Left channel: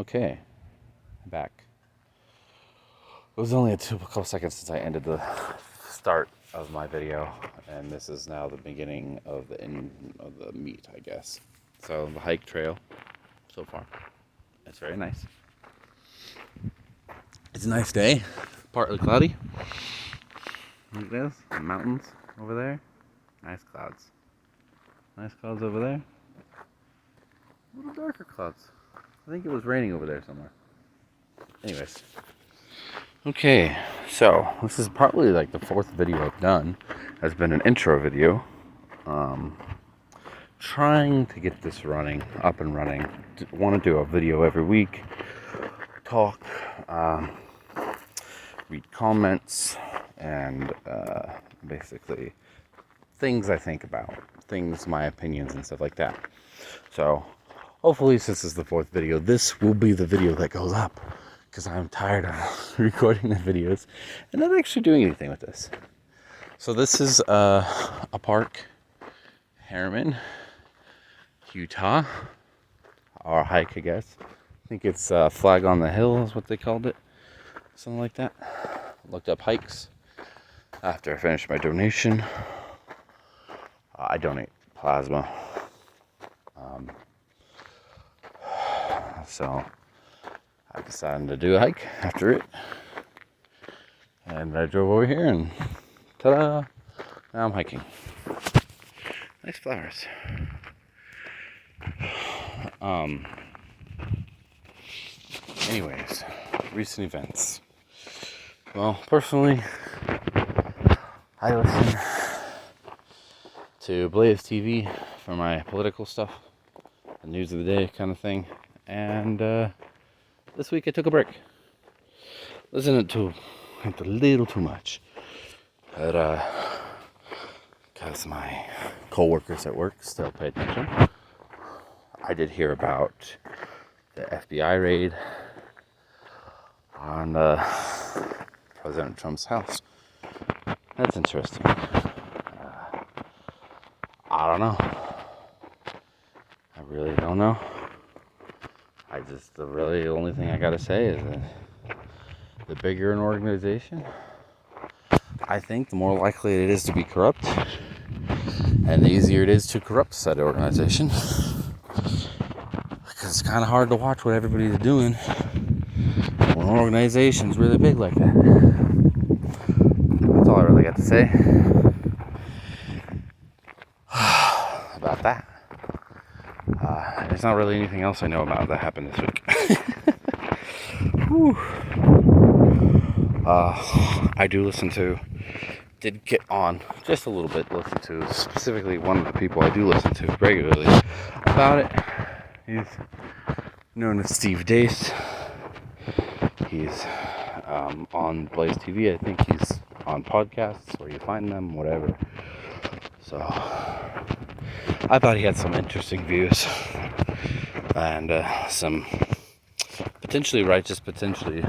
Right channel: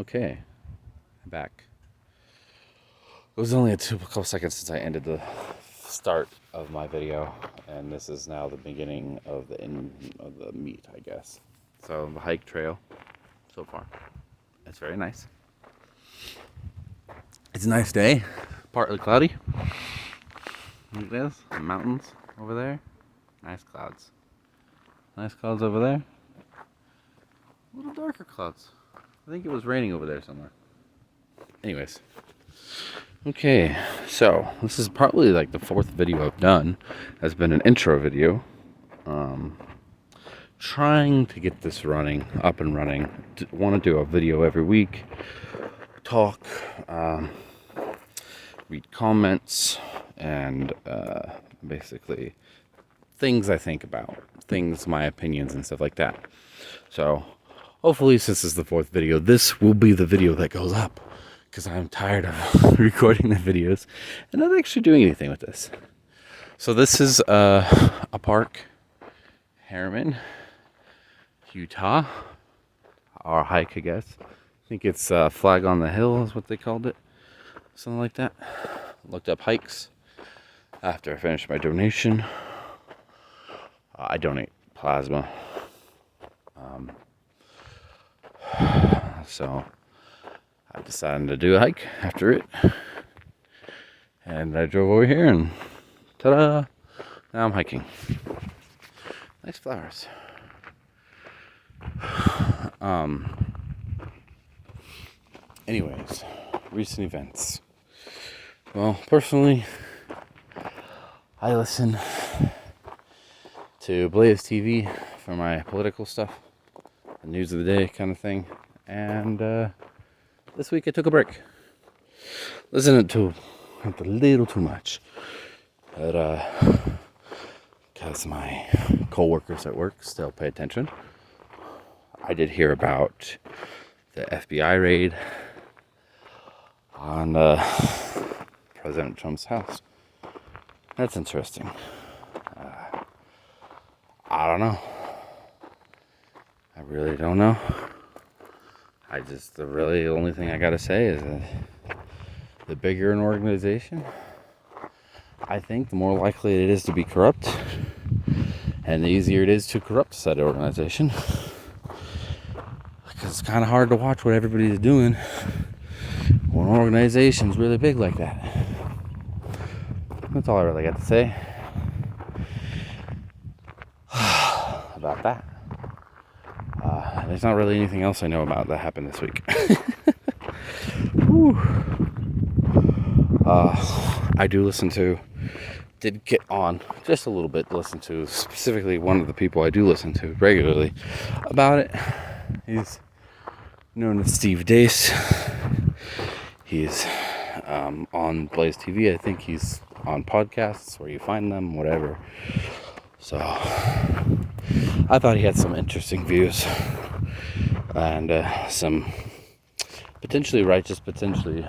Okay, I'm back. It was only a couple seconds since I ended the start of my video, and this is now the beginning of the end of the meat, I guess. So the hike trail so far, it's very nice. It's a nice day, partly cloudy. Look at this, the mountains over there, nice clouds. Nice clouds over there. A little darker clouds. I think it was raining over there somewhere. Anyways. Okay, so this is partly like the fourth video I've done. Has been an intro video. Trying to get this up and running. Want to do a video every week. Talk, read comments, and basically things I think about. My opinions and stuff like that. So, hopefully since this is the fourth video, this will be the video that goes up. Because I'm tired of recording the videos and not actually doing anything with this. So this is a park, Harriman, Utah, or hike, I guess. I think it's Flag on the Hill is what they called it, something like that. Looked up hikes after I finished my donation. I donate plasma, so I decided to do a hike after it, and I drove over here, and ta-da! Now I'm hiking. Nice flowers. Anyways, recent events. Well, personally, I listen to Blaze TV for my political stuff, the news of the day kind of thing, and this week I took a break. Listened to it a little too much, but because my co-workers at work still pay attention. I did hear about the FBI raid on President Trump's house. That's interesting. I don't know. I really don't know. The really only thing I gotta say is that the bigger an organization, I think the more likely it is to be corrupt, and the easier it is to corrupt said organization. Because it's kind of hard to watch what everybody's doing when an organization's really big like that. That's all I really got to say about that. There's not really anything else I know about that happened this week. I did get on just a little bit, listen to specifically one of the people I do listen to regularly about it. He's known as Steve Dace. He's on Blaze TV. I think he's on podcasts where you find them, whatever. So I thought he had some interesting views and some potentially righteous, potentially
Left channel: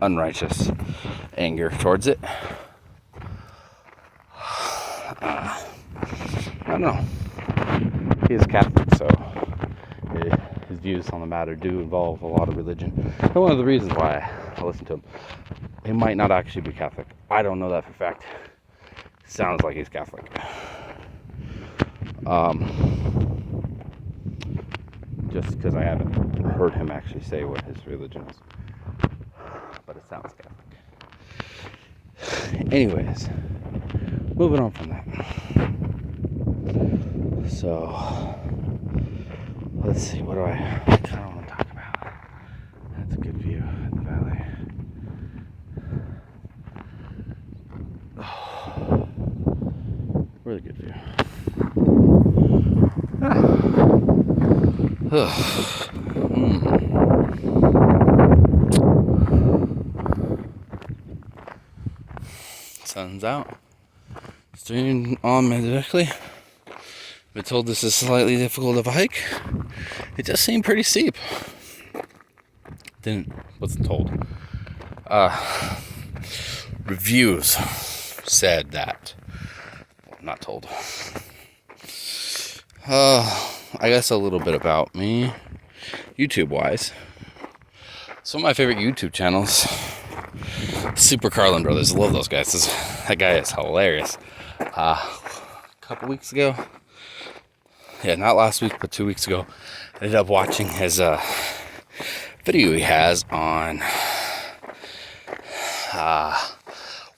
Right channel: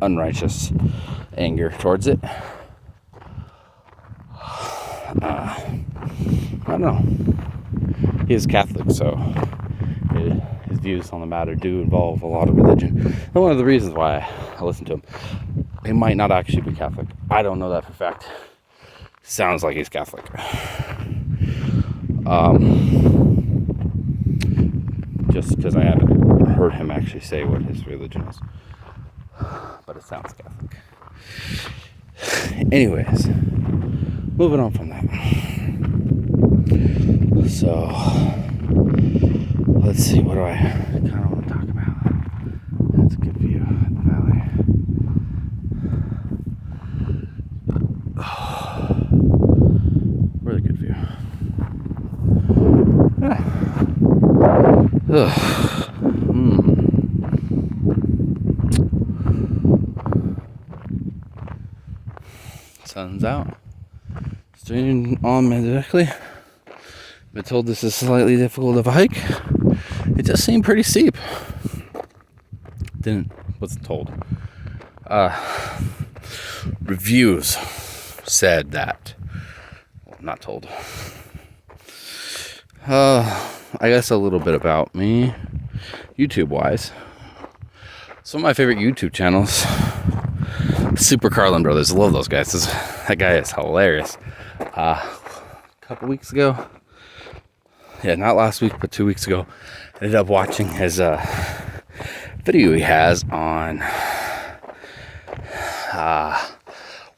unrighteous anger towards it. I don't know. He is Catholic, so his views on the matter do involve a lot of religion. And one of the reasons why I listen to him, he might not actually be Catholic. I don't know that for a fact. Sounds like he's Catholic. Just because I haven't heard him actually say what his religion is. But it sounds Catholic. Anyways, moving on from that. So, let's see, what do I kind of want to talk about? That's a good view of the valley. Oh, really good view. Sun's out. Stream on me directly. Been told this is slightly difficult of a hike. It does seem pretty steep. Wasn't told. Reviews said that. Well, not told. I guess a little bit about me, YouTube wise. Some of my favorite YouTube channels, Super Carlin Brothers. I love those guys. That guy is hilarious. A couple weeks ago, yeah, not last week, but 2 weeks ago, I ended up watching his video he has on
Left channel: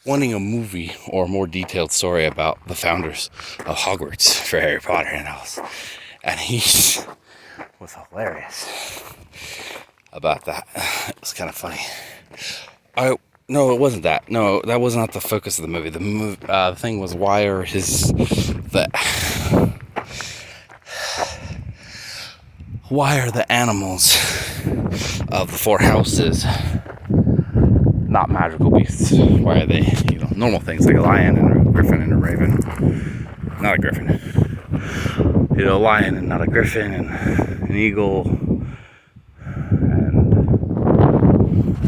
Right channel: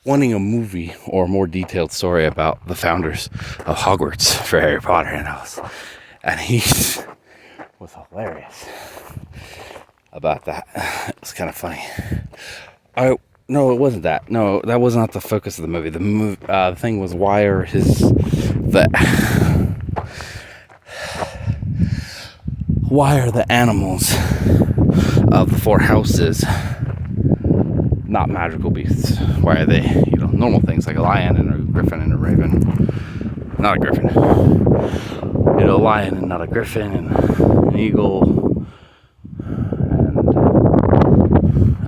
wanting a movie or a more detailed story about the founders of Hogwarts for Harry Potter, and he was hilarious about that. It's kind of funny. No, it wasn't that. No, that was not the focus of the movie. The thing was, why are the animals of the four houses not magical beasts? Why are they, normal things like a lion and a griffin and a raven? Not a griffin. A lion and not a griffin, and an eagle and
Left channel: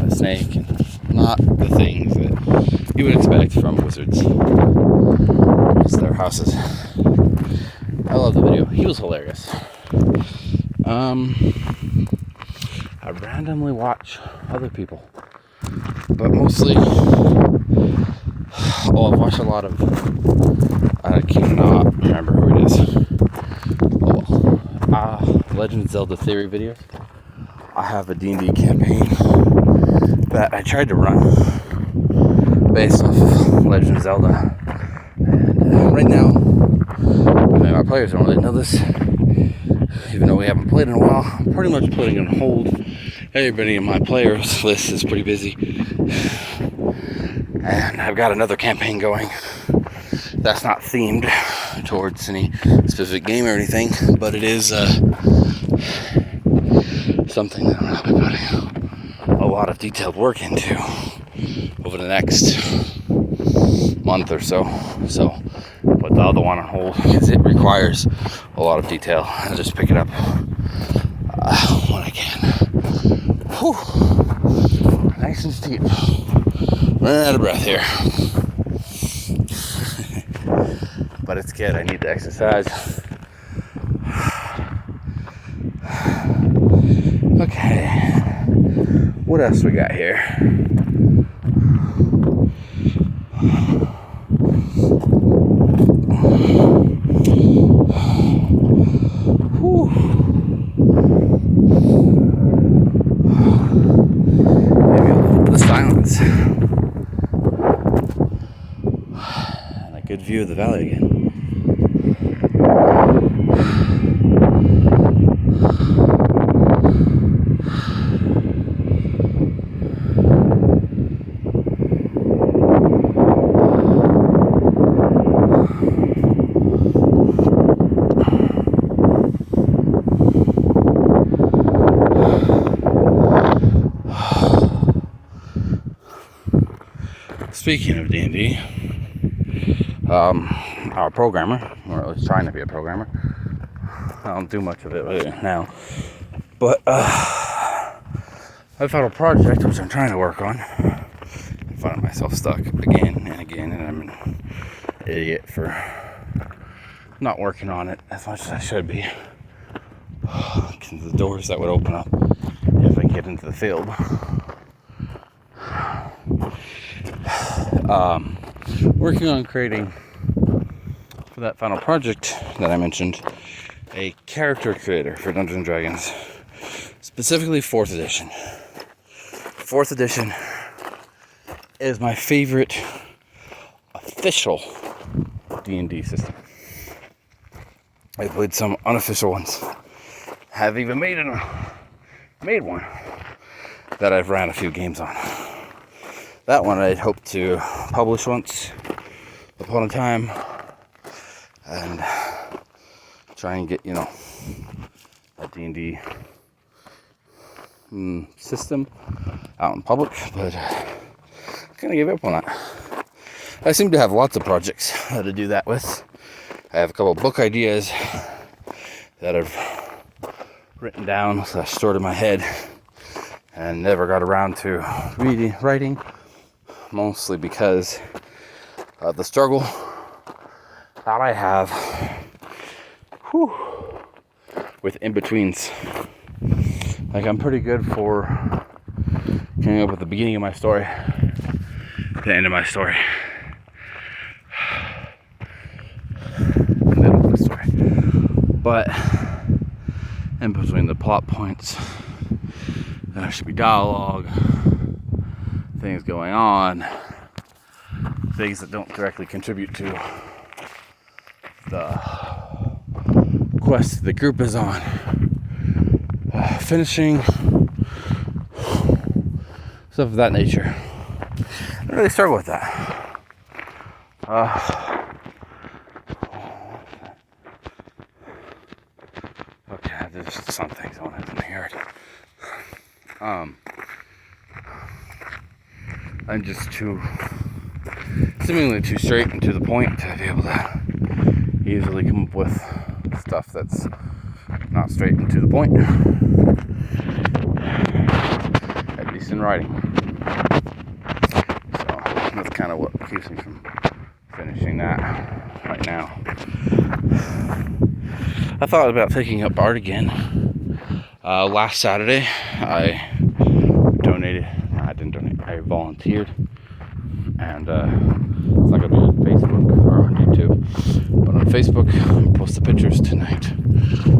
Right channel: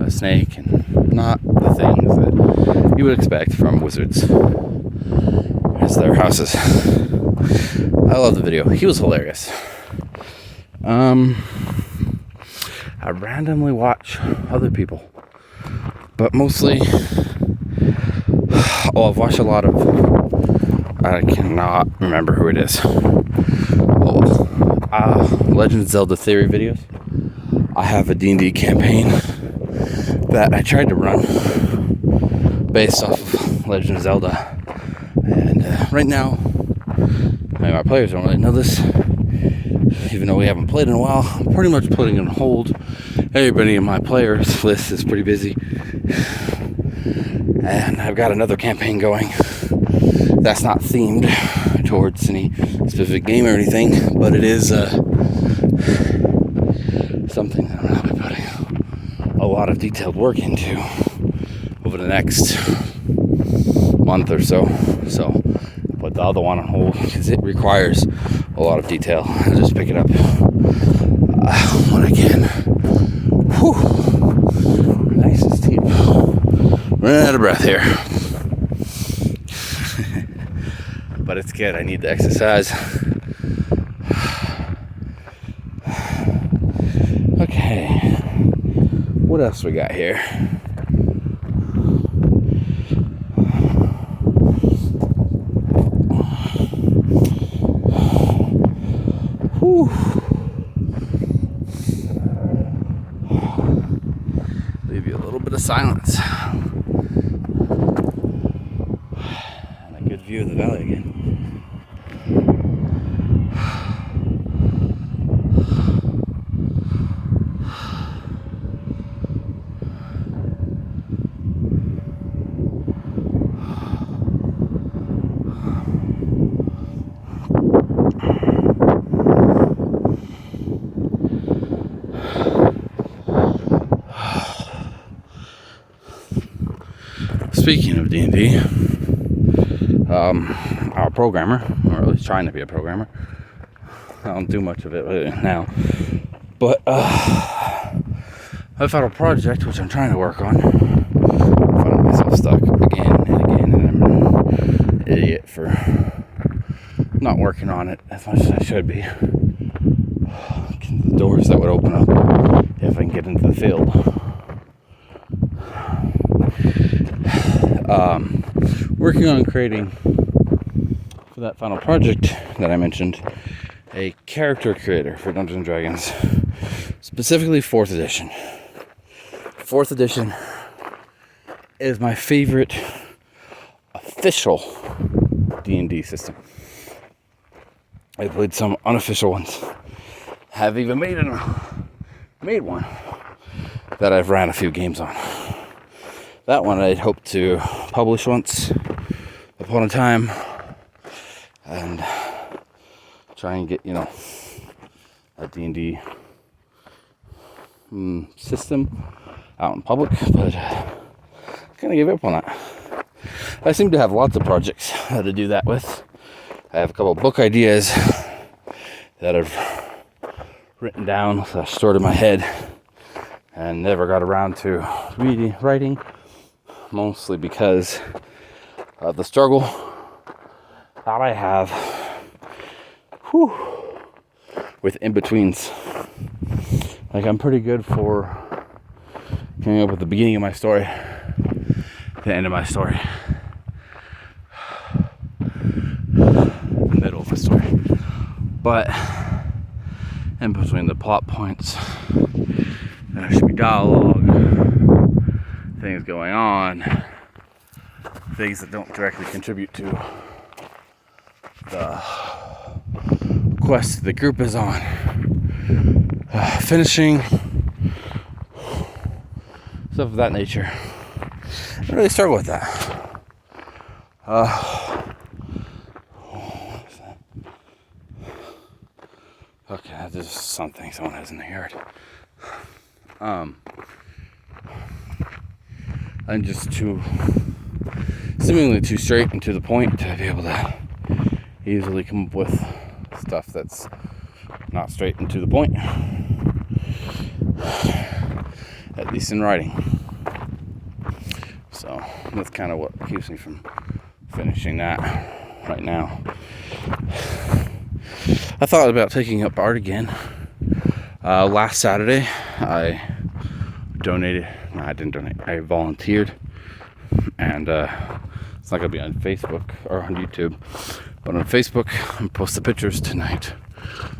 a snake, and not the things that you would expect from wizards as their houses. I love the video. He was hilarious. I randomly watch other people, but mostly, I've watched a lot of, I cannot remember who it is. Legend of Zelda theory videos. I have a D&D campaign that I tried to run based off of Legend of Zelda, and right now, my players don't really know this, even though we haven't played in a while. I'm pretty much putting it on hold. Everybody in my players list is pretty busy, and I've got another campaign going that's not themed towards any specific game or anything, but it is something that I'm going to be putting a lot of detailed work into over the next month or so. So put the other one on hold because it requires a lot of detail. I'll just pick it up when I can. Whew. Nice and steep. Running out of breath here. But it's good. I need to exercise. Okay. What else we got here? Whew. Maybe a little bit of silence. And a good view of the valley again. Speaking of D&D, our programmer, or at least trying to be a programmer, I don't do much of it now, but I found a project which I'm trying to work on. I'm finding myself stuck again and again, and I'm an idiot for not working on it as much as I should be. The doors that would open up if I can get into the field. Working on creating, for that final project that I mentioned, a character creator for Dungeons & Dragons, specifically 4th edition. 4th edition is my favorite official D&D system. I played some unofficial ones. Have even made one that I've ran a few games on. That one I'd hoped to publish once upon a time and try and get, a D&D system out in public, but I kind of gave up on that. I seem to have lots of projects to do that with. I have a couple of book ideas that I've written down, stored in my head, and never got around to writing. Mostly because of the struggle that I have with in-betweens. Like, I'm pretty good for coming up with the beginning of my story, the end of my story, the middle of the story. But in between the plot points, there should be dialogue, things going on, things that don't directly contribute to the quest the group is on. Finishing, stuff of that nature. I really struggle with that. Okay, there's something someone has in the yard. I'm just seemingly too straight and to the point to be able to easily come up with stuff that's not straight and to the point, at least in writing. So that's kind of what keeps me from finishing that right now. I thought about taking up art again. Last Saturday I volunteered, and it's not going to be on Facebook or on YouTube, but on Facebook I posted pictures tonight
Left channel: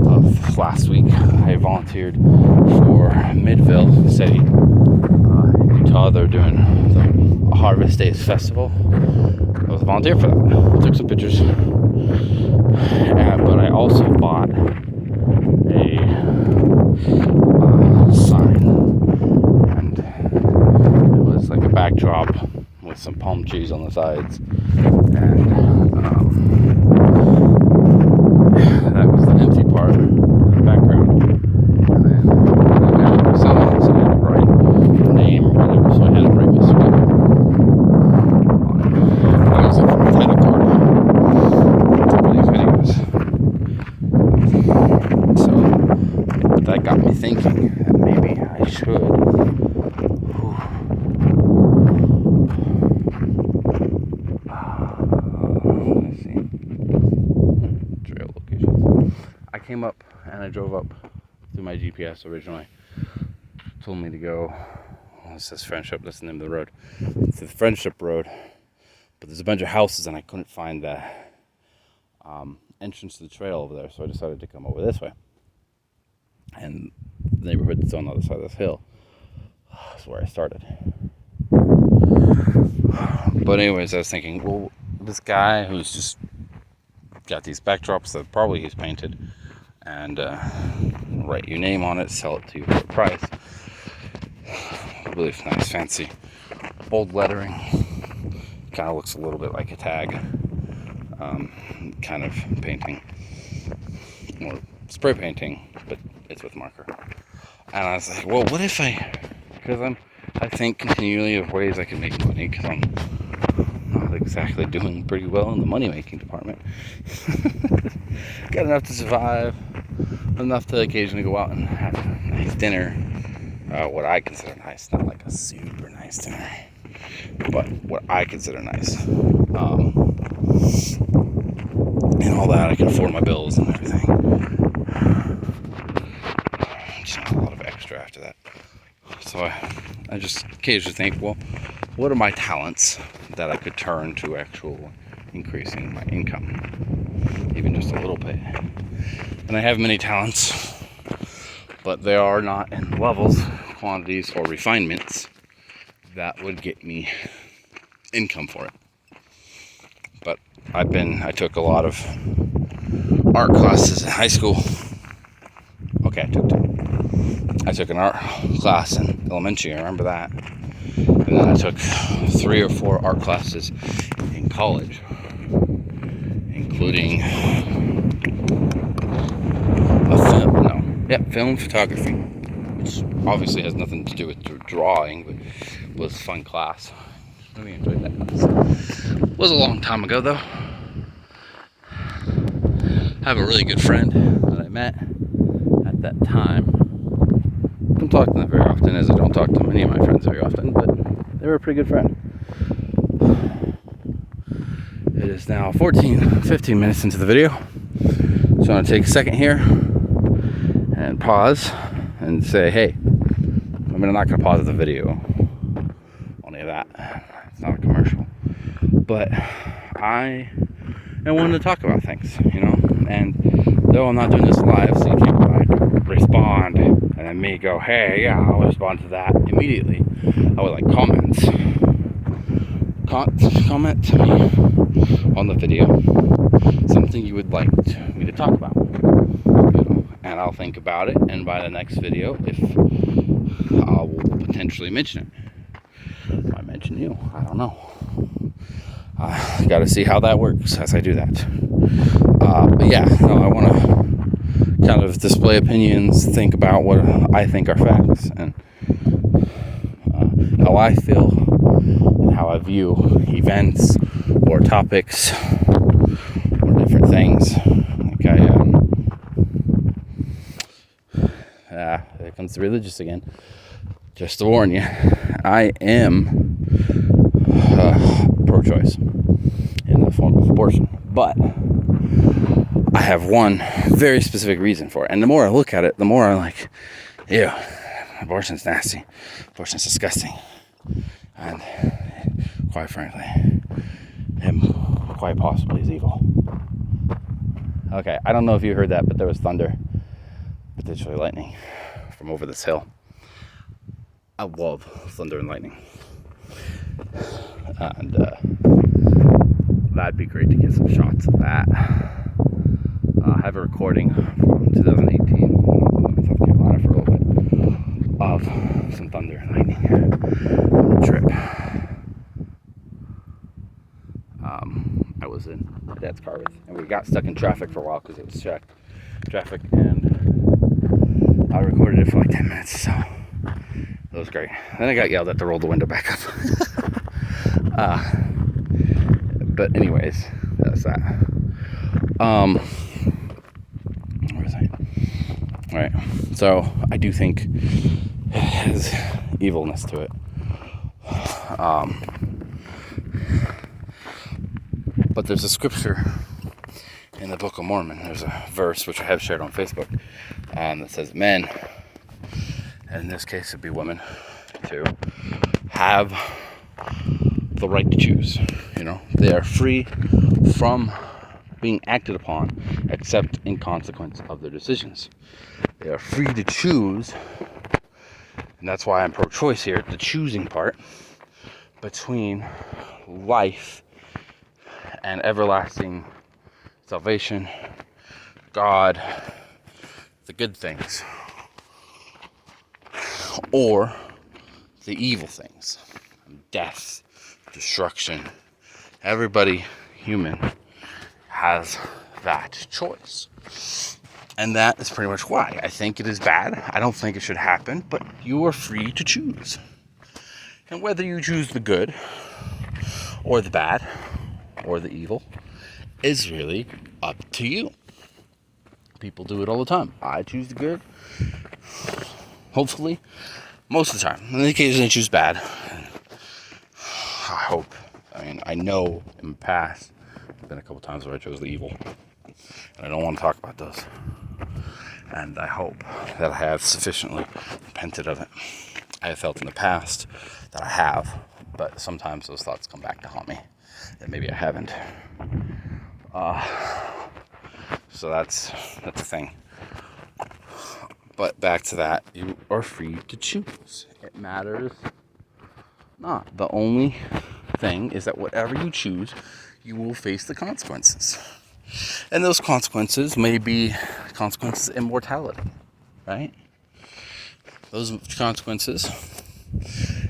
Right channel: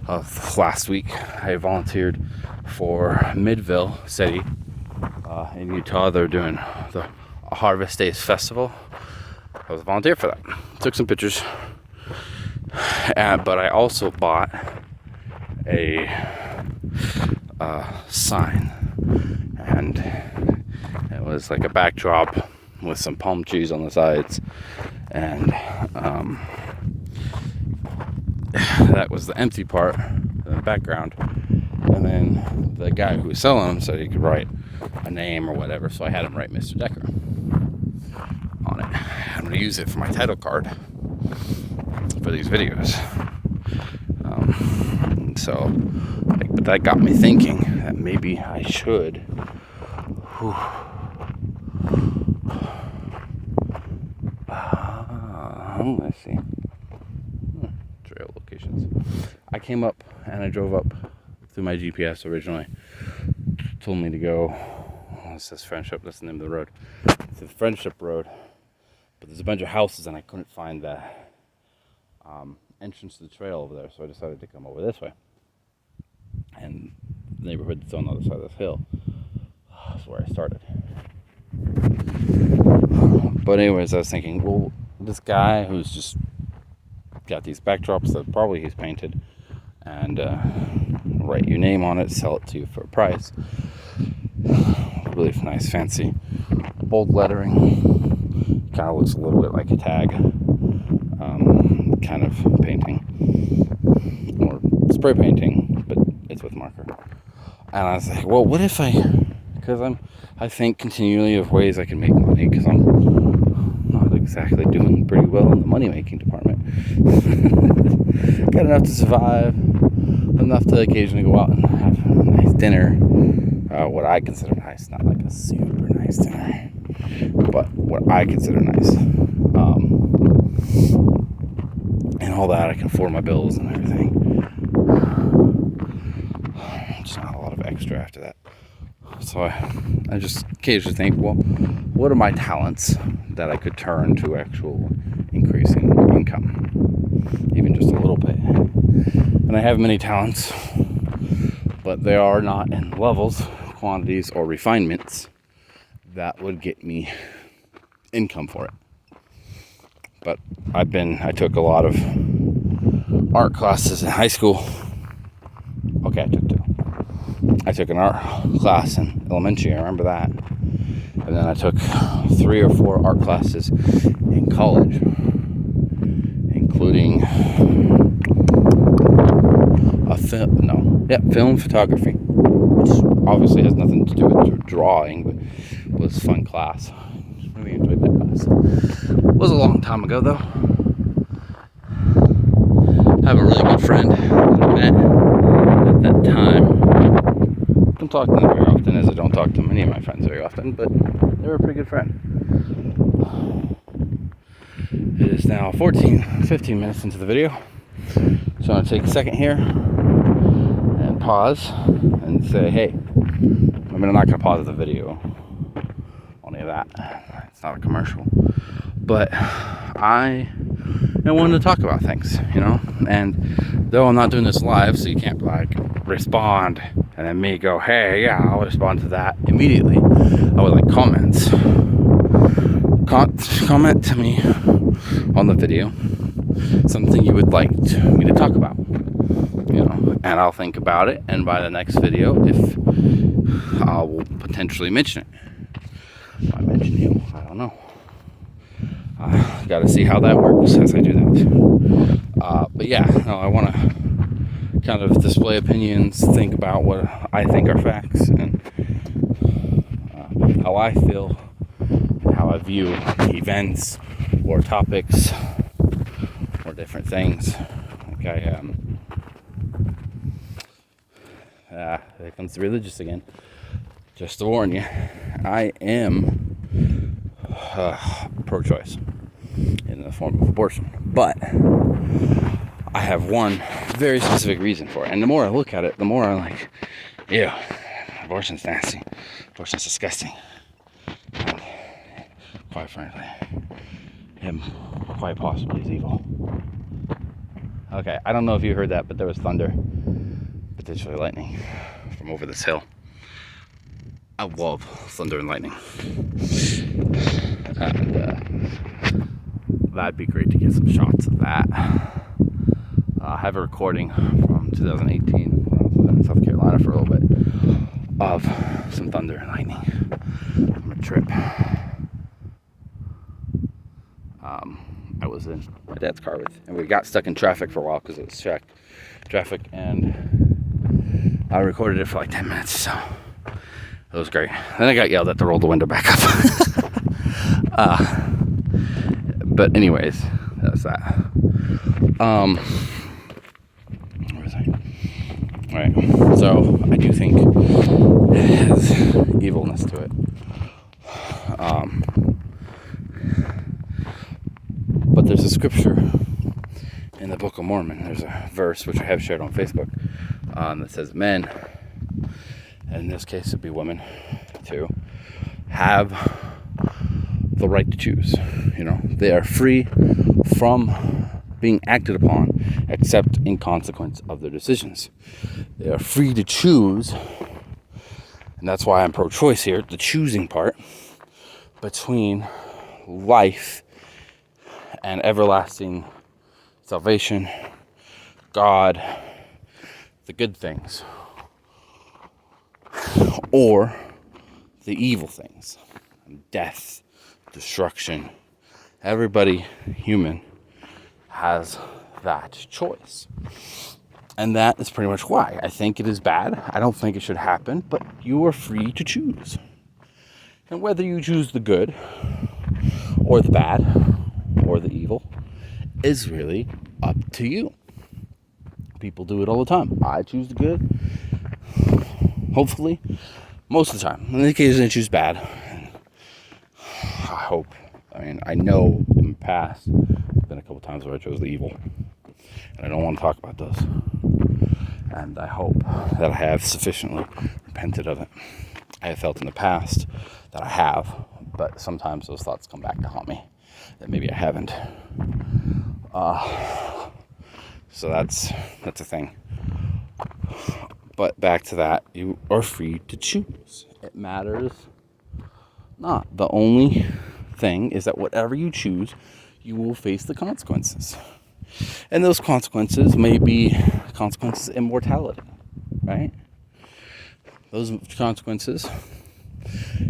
of last week. I volunteered for Midville City in Utah. They're doing the Harvest Days Festival. I was a volunteer for that. I took some pictures, but I also bought a sign, and it was like a backdrop with some palm trees on the sides, and that was the empty part of the background. And then the guy who was selling them said he could write a name or whatever, so I had him write Mr. Decker on it and use it for my title card for these videos. But that got me thinking that maybe I should. Let's see. Trail locations. I came up and I drove up through my GPS originally. It told me to go. Well, it says Friendship. That's the name of the road. It's the Friendship Road. But there's a bunch of houses and I couldn't find the entrance to the trail over there, so I decided to come over this way. And the neighborhood that's on the other side of this hill is where I started. But anyways, I was thinking, well, this guy who's just got these backdrops that probably he's painted, and write your name on it, sell it to you for a price. Really nice, fancy, bold lettering. Kind of looks a little bit like a tag kind of painting, or spray painting, but it's with marker. And I was like, well, what if because I think continually of ways I can make money, because I'm not exactly doing pretty well in the money making department. Got enough to survive, enough to occasionally go out and have a nice dinner, what I consider nice, not like a super nice dinner, but what I consider nice, and all that. I can afford my bills and everything. Just not a lot of extra after that. So I just occasionally think, well, what are my talents that I could turn to actual increase in income, even just a little bit? And I have many talents, but they are not in levels, quantities, or refinements that would get me income for it. But I took a lot of art classes in high school. Okay, I took an art class in elementary, I remember that. And then I took 3 or 4 art classes in college, including film photography, which obviously has nothing to do with drawing, but was a fun class. I really enjoyed that class. It was a long time ago, though. I have a really good friend that I met at that time. I don't talk to them very often, as I don't talk to many of my friends very often, but they were a pretty good friend. It is now 15 minutes into the video, so I'm going to take a second here and pause and say, hey, I'm not going to pause the video. that. It's not a commercial. But I wanted to talk about things, you know? And though I'm not doing this live, so you can't like respond and then me go, hey, yeah, I'll respond to that immediately. I would like comments. Comment to me on the video something you would like me to talk about, you know, and I'll think about it, and by the next video, if I will potentially mention it. I mention you, I don't know. I gotta see how that works as I do that. But yeah, no, I want to kind of display opinions, think about what I think are facts, and how I feel, and how I view events or topics or different things. Okay, yeah, there comes the religious again. Just to warn you, I am pro-choice in the form of abortion, but I have one very specific reason for it. And the more I look at it, the more I'm like, ew, abortion's nasty, abortion's disgusting, and quite frankly, him quite possibly is evil. Okay, I don't know if you heard that, but there was thunder, potentially lightning, from over this hill. I love thunder and lightning, and that'd be great to get some shots of that. I have a recording from 2018, I was in South Carolina for a little bit, of some thunder and lightning on a trip. I was in my dad's car and we got stuck in traffic for a while because it was checked traffic, and I recorded it for like 10 minutes, so it was great. Then I got yelled at to roll the window back up. But anyways, that's that. What was I? Alright, so I do think it has evilness to it. But there's a scripture in the Book of Mormon. There's a verse which I have shared on Facebook that says men, and in this case it'd be women too, have the right to choose. You know, they are free from being acted upon except in consequence of their decisions. They are free to choose, and that's why I'm pro-choice here, the choosing part, between life and everlasting salvation, God, the good things, or the evil things, death, destruction. Everybody, human, has that choice. And that is pretty much why I think it is bad. I don't think it should happen, but you are free to choose. And whether you choose the good or the bad or the evil is really up to you. People do it all the time. I choose the good. Hopefully, most of the time. In the occasion I choose bad. I hope. I mean, I know in the past, there's been a couple times where I chose the evil. And I don't want to talk about those. And I hope that I have sufficiently repented of it. I have felt in the past that I have, but sometimes those thoughts come back to haunt me. That maybe I haven't. So that's the thing. But back to that, you are free to choose. It matters not. The only thing is that whatever you choose, you will face the consequences. And those consequences may be consequences of immortality, right? Those consequences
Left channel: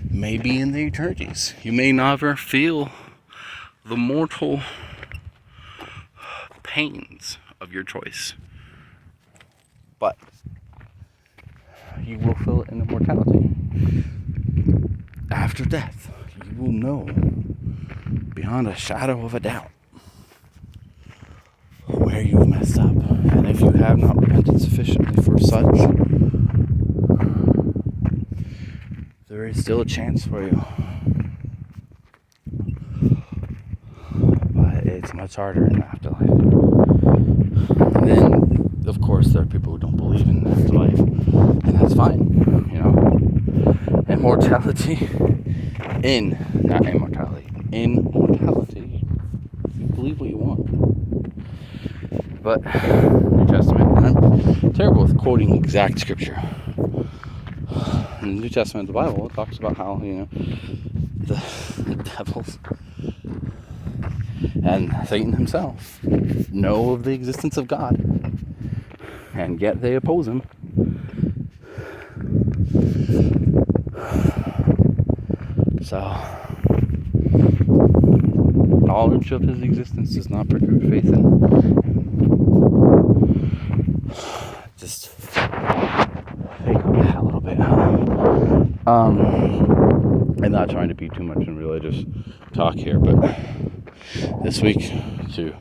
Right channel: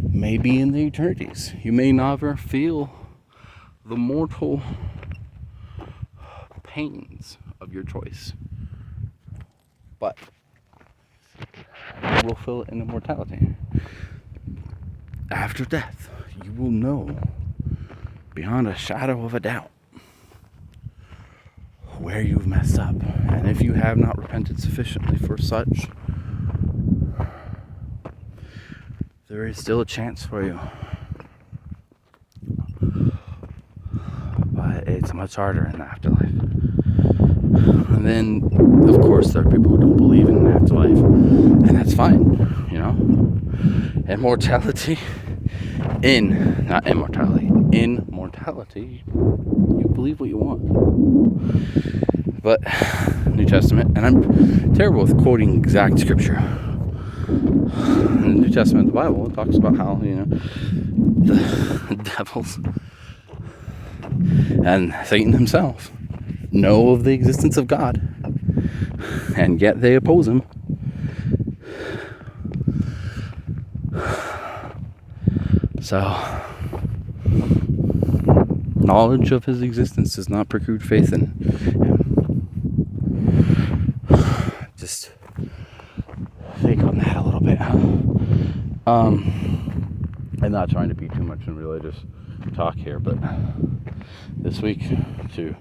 may be in the eternities. You may never feel the mortal pains of your choice, but you will feel it in immortality. After death, you will know beyond a shadow of a doubt where you've messed up. And if you have not repented sufficiently for such, there is still a chance for you. But it's much harder in the afterlife. And then, of course, there are people who don't believe in the afterlife, and that's fine, you know. immortality. Not immortality. Immortality. Believe what you want. But New Testament, and I'm terrible with quoting exact scripture. In the New Testament, the Bible, it talks about how, the devils and Satan himself know of the existence of God, and yet they oppose him. So, knowledge of his existence does not preclude faith in him. Just fake on that a little bit, huh? I'm not trying to be too much in religious talk here, but this week, to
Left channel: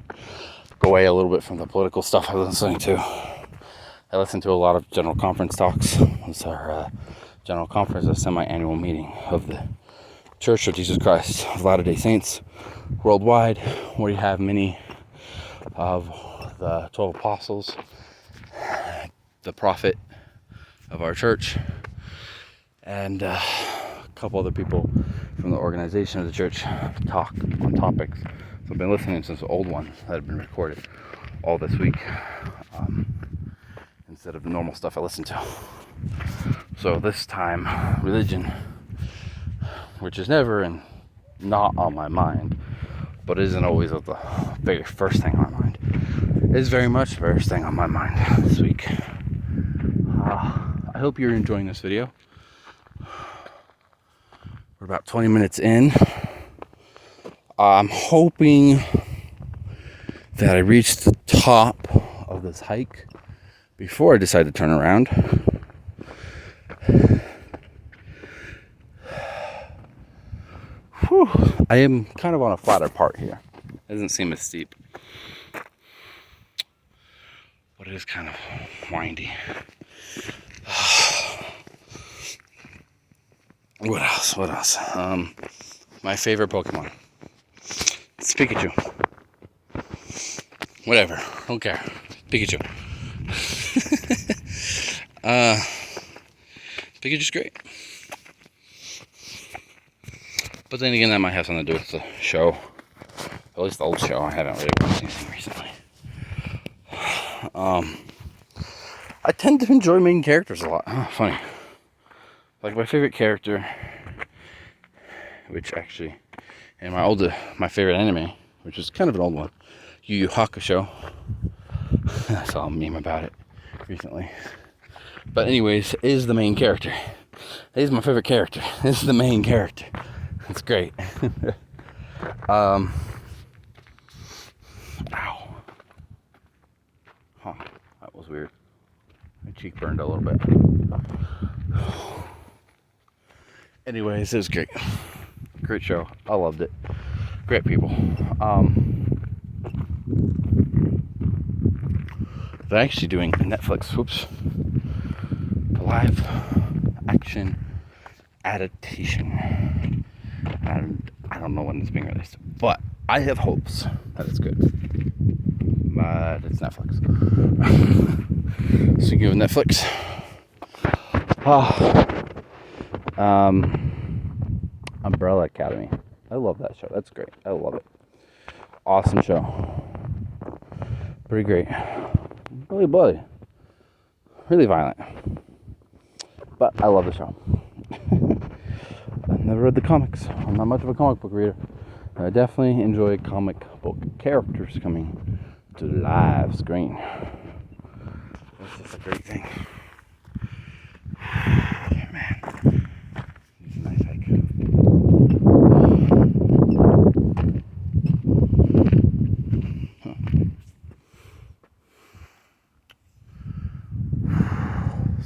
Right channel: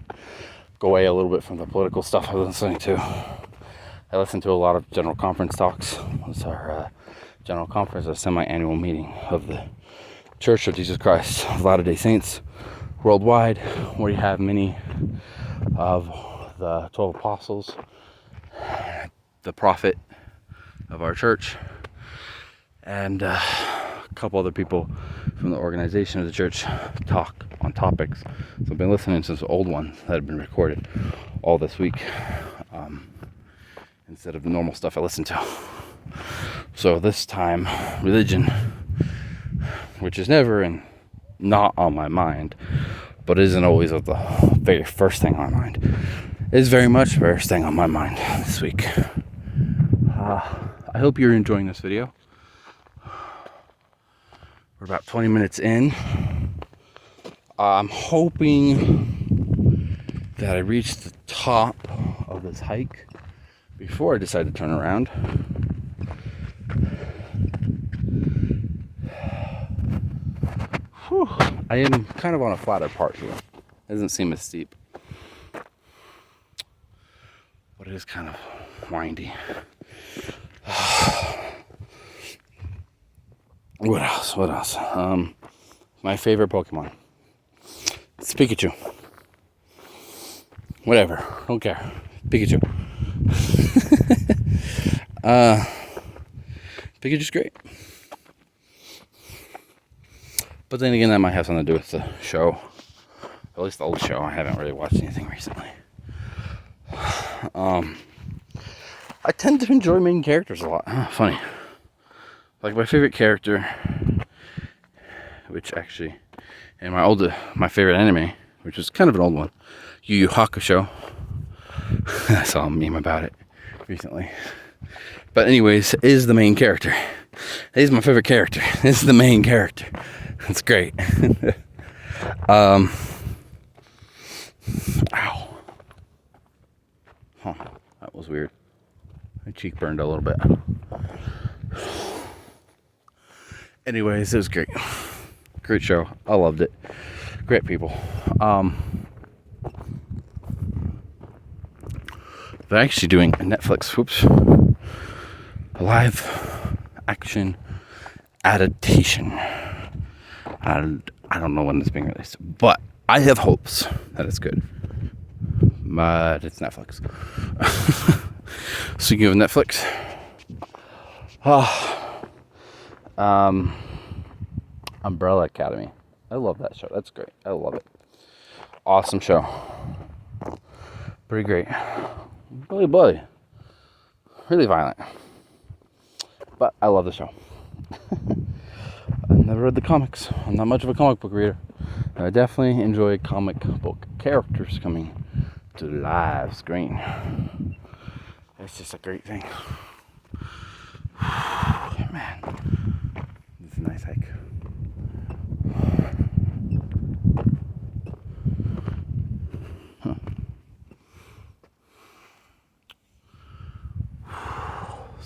go away a little bit from the political stuff I was listening to, I listened to a lot of general conference talks. It was our general conference, a semi-annual meeting of the Church of Jesus Christ of Latter-day Saints worldwide, where you have many of the 12 apostles, the prophet of our church, and a couple other people from the organization of the church talk on topics. So I've been listening to some old ones that have been recorded all this week, instead of the normal stuff I listen to. So this time, religion, which is never and not on my mind, but isn't always the very first thing on my mind, is very much the first thing on my mind this week. I hope you're enjoying this video. We're about 20 minutes in. I'm hoping that I reach the top of this hike before I decide to turn around. Whew. I am kind of on a flatter part here. It doesn't seem as steep, but it is kind of windy. What else? My favorite Pokemon. It's Pikachu. Whatever. Don't care. Pikachu. Pikachu's great. But then again, that might have something to do with the show. At least the old show. I haven't really watched anything recently. I tend to enjoy main characters a lot. Funny. Like my favorite character, which actually, and my favorite anime, which is kind of an old one, Yu Yu Hakusho. I saw a meme about it recently. But anyways, is the main character. He's my favorite character. This is the main character. It's great. Ow. Huh. That was weird. My cheek burned a little bit. Anyways, it was great. Great show. I loved it. Great people. They're actually doing a Netflix, a live action adaptation. And I don't know when it's being released, but I have hopes that it's good. But it's Netflix. Speaking of Netflix, Umbrella Academy. I love that show. That's great. I love it. Awesome show. Pretty great. Really bloody. Really violent. But I love the show. I've never read the comics. I'm not much of a comic book reader. I definitely enjoy comic book characters coming to the live screen. It's just a great thing. Man, it's a nice hike.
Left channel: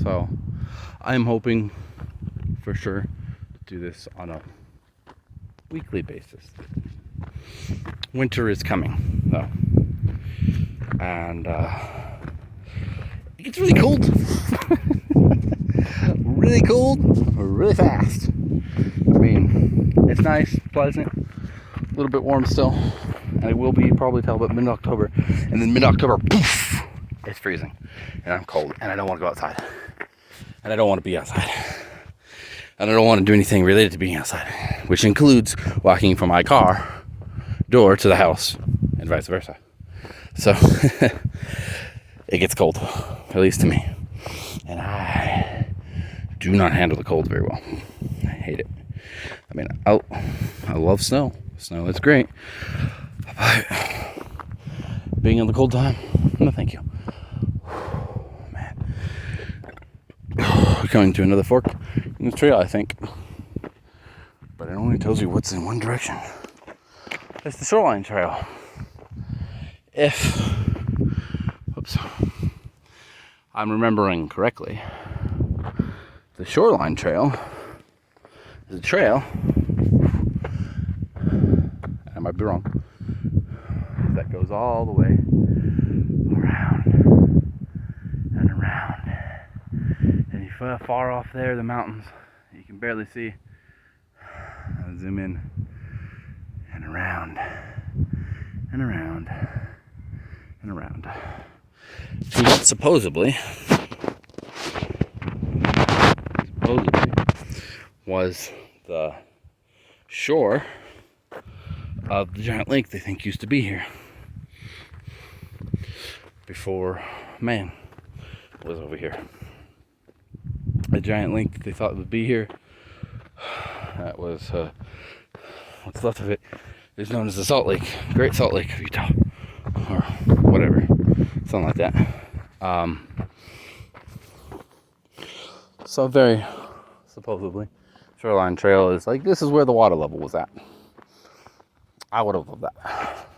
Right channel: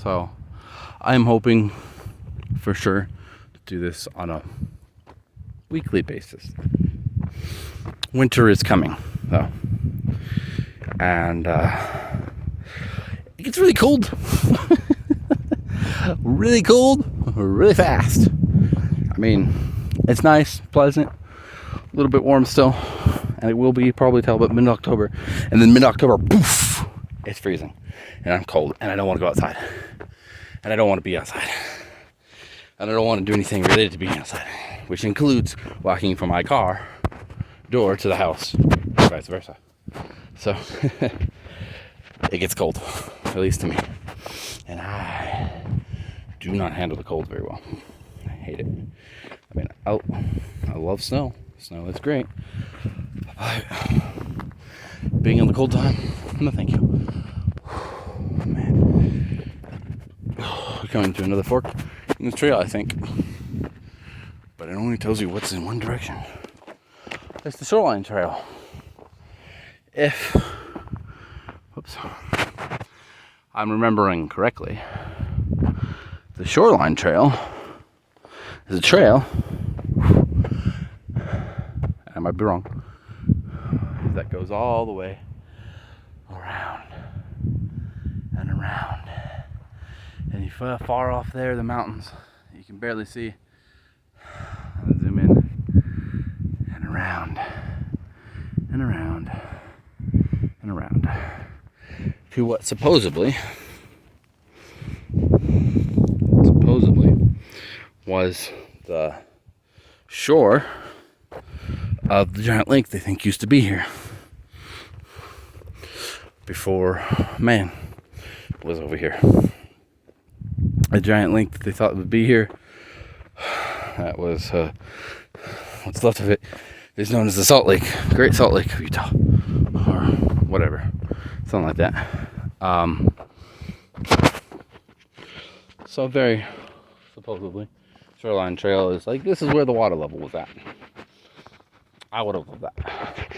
So, I'm hoping for sure to do this on a weekly basis. Winter is coming, though. And it gets really cold. Really cold, really fast. I mean, it's nice, pleasant, a little bit warm still, and it will be probably till about mid-October. And then mid-October, poof, it's freezing, and I'm cold, and I don't want to go outside, and I don't want to be outside. and I don't want to do anything related to being outside, which includes walking from my car door to the house, or vice versa. So it gets cold, at least to me, and I do not handle the cold very well. I hate it. I mean, I love snow. Snow is great, but being in the cold time, no thank you. Man, we're coming to another fork in this trail, I think, but it only tells you what's in one direction. It's the shoreline trail. If, oops, I'm remembering correctly, the shoreline trail is a trail, I might be wrong, that goes all the way around and around. And you far off there, the mountains, you can barely see. I'll zoom in and around and around and around to what supposedly was the shore of the giant lake they think used to be here before man was over here. A giant lake that they thought would be here, that was what's left of it is known as the Salt Lake, Great Salt Lake of Utah, or whatever, something like that. So very supposedly shoreline trail is like, this is where the water level was at. I would have loved that.